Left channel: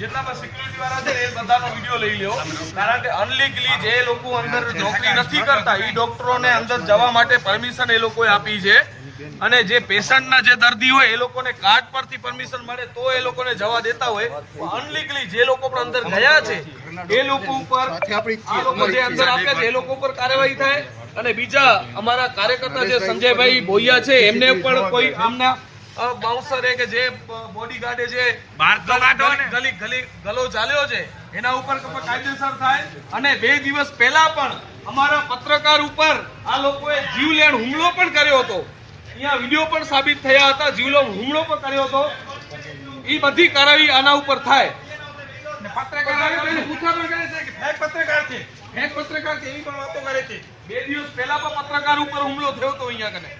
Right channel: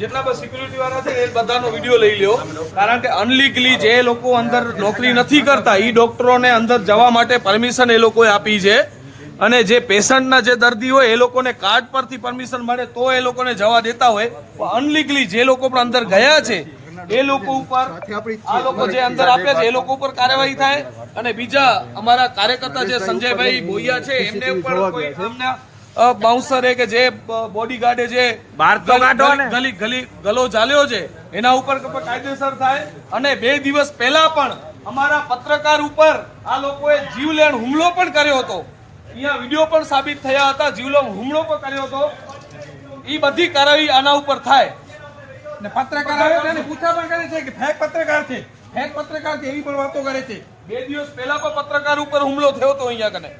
જેટલા પણ સિક્યુરિટી વાળા છે એ બધાનો વીડિયો લઈ લ્યો. કારણ કે અનલીગલી જે લોકો અંદર નોકરી નથી કરતા એ ડોક્ટરોને અંદર જવા માટે પરમિશન એ લોકોએ આપી છે. અને જે પેશન્ટના જે દર્દી હોય એ લોકોને કાર્ડ પરથી પરમિશન મળે તો એ લોકોને જવા દેતા હોય. અનલીગલી જે લોકો પણ અંદર ગયા છે એ લોકો ઉપર જે અંદર આપે છે એ લોકો ઉપર કાર્યવાહી થાય. અને બીજા અમારા કાર્યકર્તા જે સંજયભાઈ બોયા છે એમને પણ કોઈ આમના બાઉન્સરે કે જે બોડીગાર્ડે જે બહાર તો કાઢો ને. ગલી ગલી ગલો ચાલ્યો છે એના ઉપર કાયદેસર થાય. અને બે દિવસ પહેલા પણ અમારા પત્રકાર ઉપર આ લોકોએ જીવલેણ હુમલો પણ કર્યો હતો. અહીંયા વીડિયો પણ સાબિત થયા હતા જીવલેણ હુમલો પણ કર્યો હતો. એ બધી કાર્યવાહી આના ઉપર થાય. ને પત્રકાર આવે તેને પૂછા પણ કરે છે કે ફેક પત્રકાર છે? ફેક પત્રકાર છે એવી પણ વાતો કરે છે. બે દિવસ પહેલા પણ પત્રકાર ઉપર હુમલો થયો હતો અહીંયા કને.